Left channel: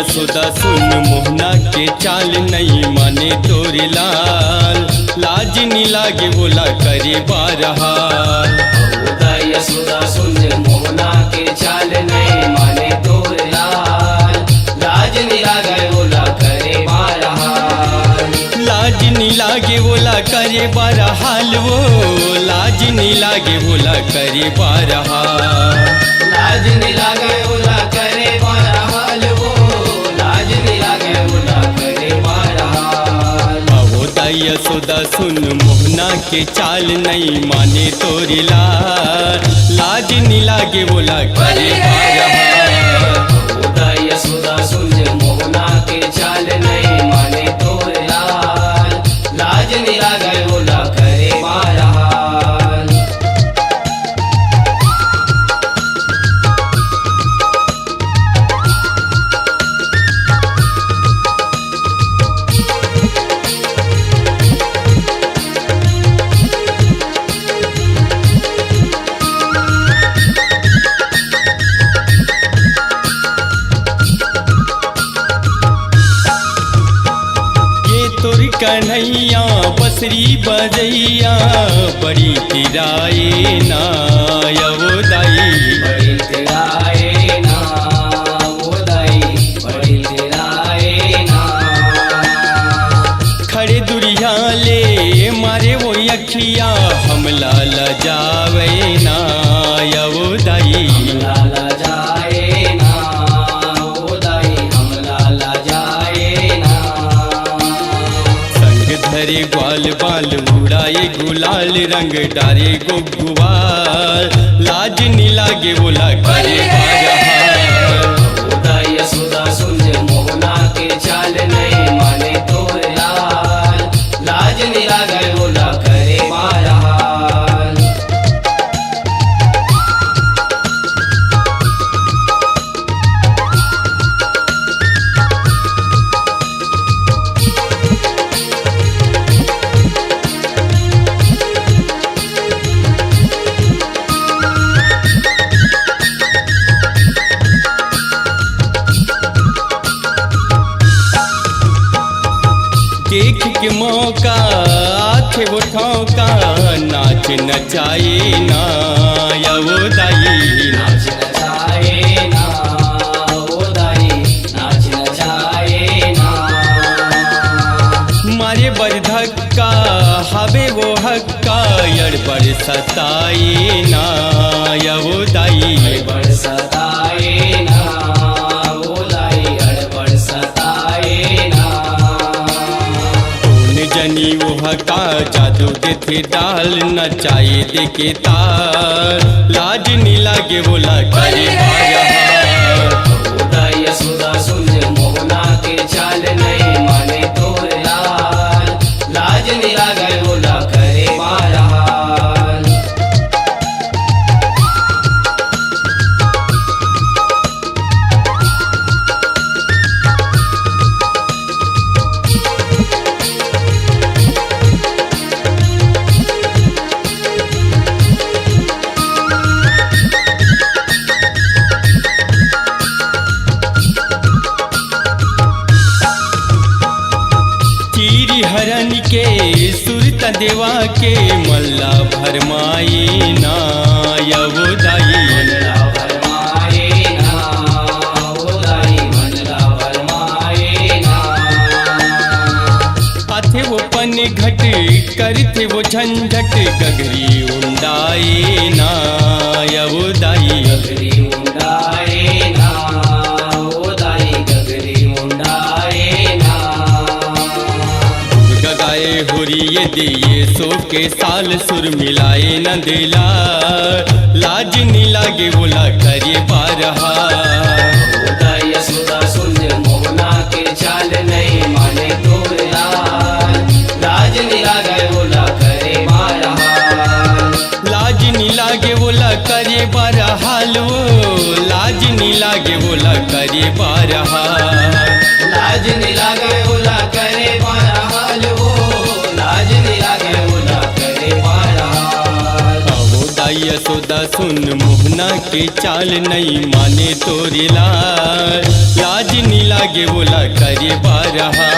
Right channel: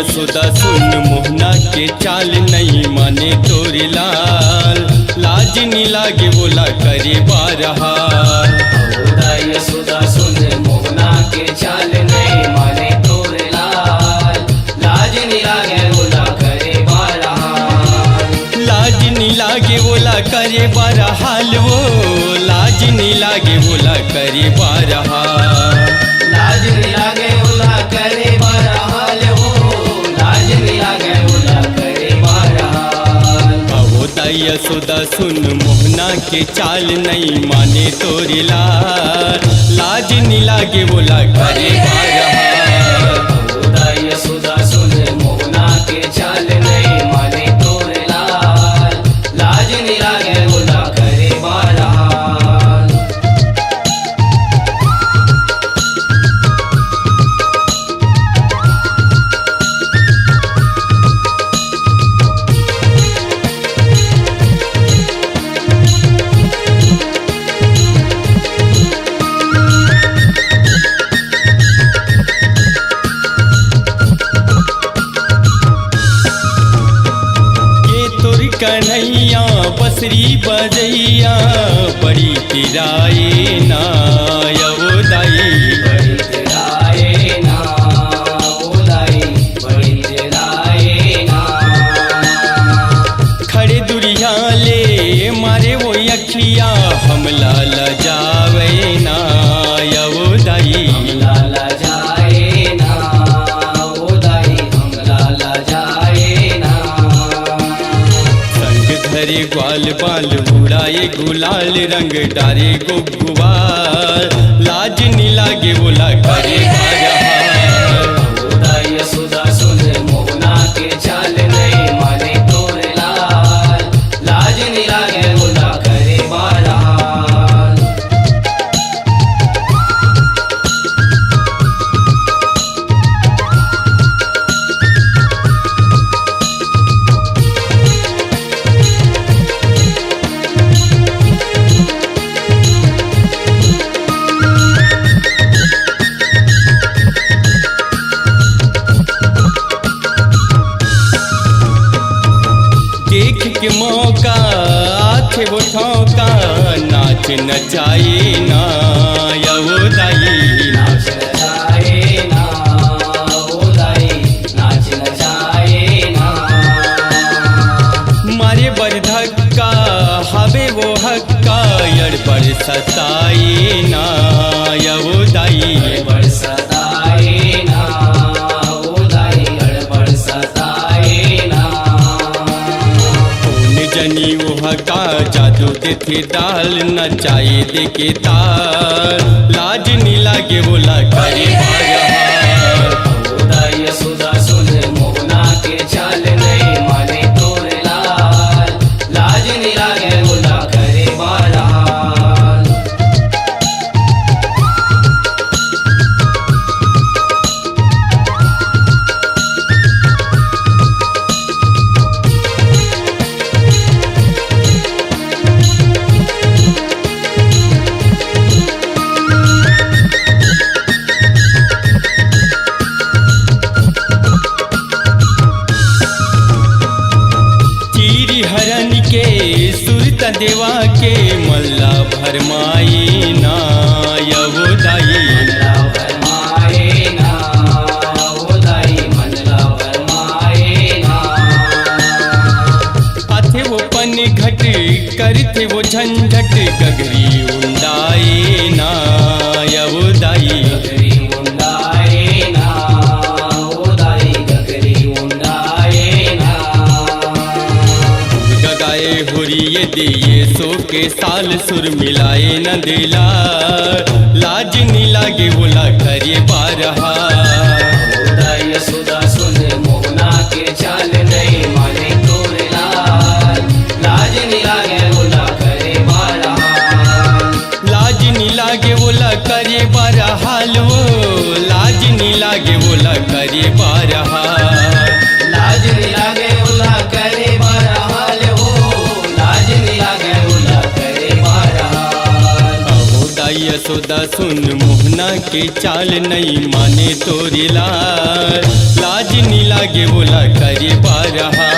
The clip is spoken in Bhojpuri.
यशोदा सुन मोहना के चाल नहीं माने तोरे लाल, लाज नी लागे बोला करे बारहाल। यशोदा सुन मोहना के चाल नहीं माने तोरे लाल, लाज नी लागे बोला करे बारहाल। लाज नी लागे बोला करे बारहाल, वो लाज नी लागे बोला करे बारहाल। लाज नी लागे बोला करे बारहाल, वो लाज नी लागे बोला करे बारहाल। अवोदा यशोदा सुन मोहना के चाल नहीं माने तोरे लाल, लाज नी लागे बोला करे बारहाल। यशोदा सुन मोहना के चाल नहीं माने तोरे लाल, लाज नी लागे बोला करे बारहाल। तोर कन्हैया बसरी बजैया बड़ी तिराए ना यवोदाई। बड़ी तेराए ना ओदाई, बड़ी तेराए ना। खड़े दुरिया ले मारे वो अखिया हमला लजावे ना यवोदाई। लाला जाए ना ओदाई, हम लाला जाए ना। संग धरे ग्वाल बाल उड़ाए गुलाल रंग डारे गुगुआल, लाज नी लागे बोला करे बारहाल। यशोदा सुन मोहना के चाल नहीं माने तोरे लाल, लाज नी लागे बोला करे बारहाल। देख के मौका आखे वो ठौका नाच नचाए ना यवोदाई। नाच नचाए ना ओदाई, नाच नचाए ना। मारे बर धक्का हवे वो हक्का यड़बड़ सताए ना यवोदाई। गड़बड़ सताए ना ओदाई, गड़बड़ सताए ना। जनी वो हका जादू के थे डाल नचाए देखे तार, लाज नी लागे बोला करे बारहाल। यशोदा सुन मोहना के चाल नहीं माने तोरे लाल, लाज नी लागे बोला करे बारहाल। चीरी हरन के सुरत देवा के मल्ला भरमाई ना यवोदाई। मनला भरमाए ना ओदाई, मनला भरमाए ना। आथे वो पन घट करते वो झंझट गगरी उंडाए ना यवोदाई। गगरी उंडाए ना ओदाई, गगरी उंडाए ना। गगाए हुरिये दिए सो के साल सुर मिलाए न दिला, लाज नी लागे बोला करे बारहाल। यशोदा सुन मोहना के चाल नहीं माने तोरे लाल, लाज नी लागे बोला करे बारहाल। लाज नी लागे बोला करे बारहाल, वो लाज नी लागे बोला करे बारहाल। लाज नी लागे बोला करे बारहाल, वो लाज नी लागे बोला करे बारहाल। यशोदा सुन मोहना के चाल नहीं माने तोरी लाल लाज नी लागे बोला करे बारहा